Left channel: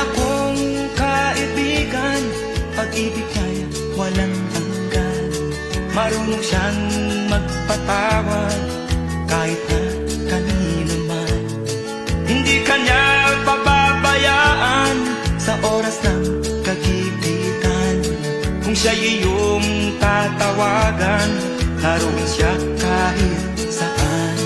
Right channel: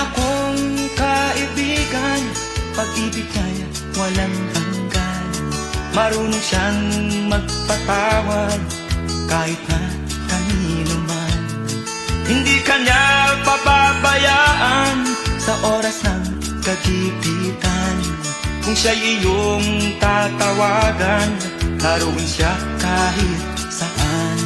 akong kaibigan, pag-ibig niya'y walang hanggan. Marunong siyang magpatawad kahit na kanino man. Hindi kanya pababayaan sa oras ng kagipitan. Kung siya'y iyong tatawagan, naroon siya kahit saan.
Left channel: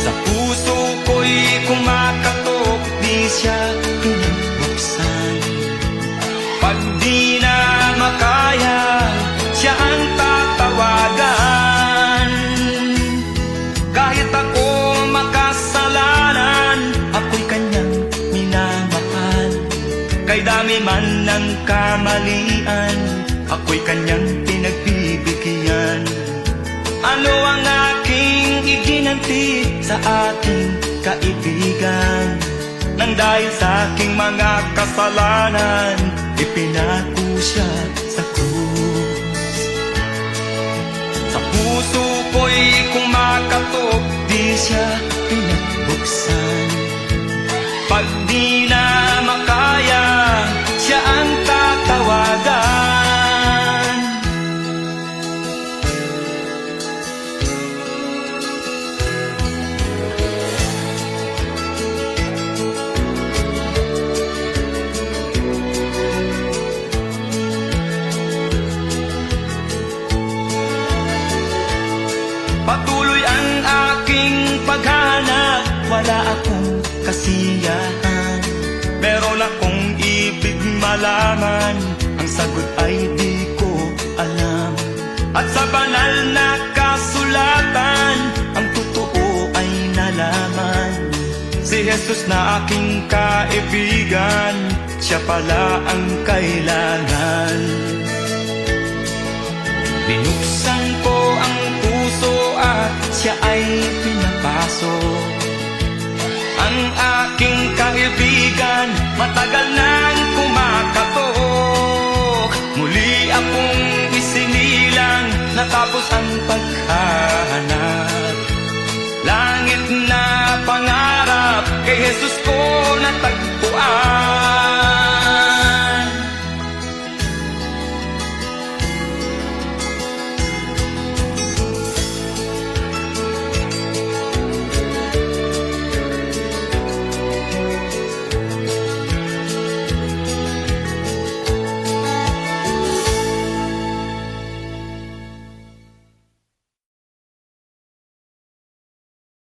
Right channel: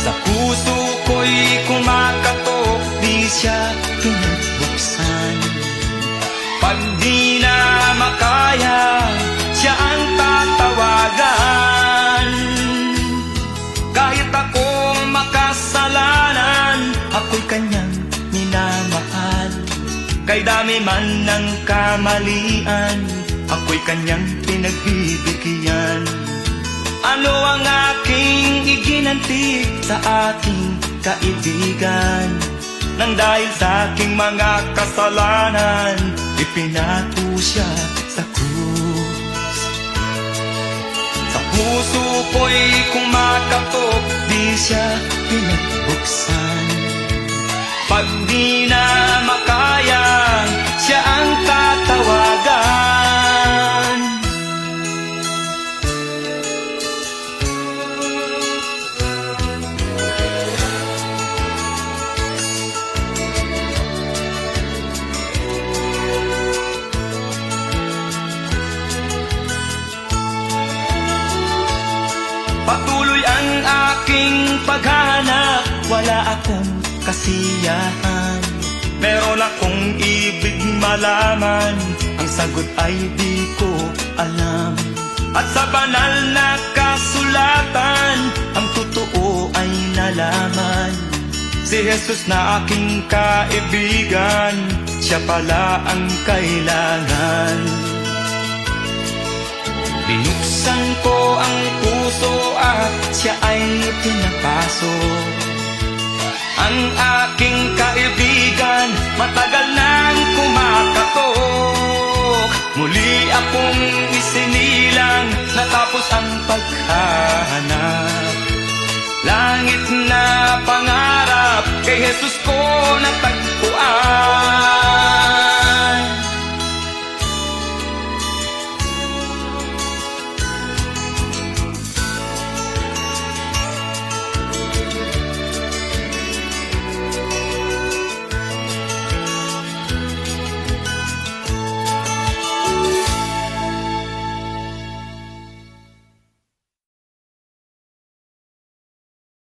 Sa puso ko'y kumakatok, di siya pinabuksan. Pag di na makaya, siya ang tatawagan. Kahit ako makasalanan, ako'y kanyang minamahal. Kay dami man ng kamalian, ako'y kanyang pinagbibigyan. Ano ang aking iginanti sa aking kaibigan? Nang dahil sa aking mga kasalanan, ipinako siya sa krus. Sa puso ko'y kumakatok, di siya pinagbuksan. Pag di na makaya, siya ang tatawagan. Patuloy ang aking paghanap, wala akong kasiyahan. Meron akong ibig malaman, ang sagot ay di ko alam. At sa banal na kasulatan, ang totoo ay nalaman. Si Jesus na aking kaibigan, siya pala ang kailangan. Binuksan ko ang puso at siya ay pinapasok. Ang aking kaibigan, matagal nang kumakatok. Muli akong isinilang, natapos ang paghahanap. Langit na pangarap, kay Jesus ko natagpuan.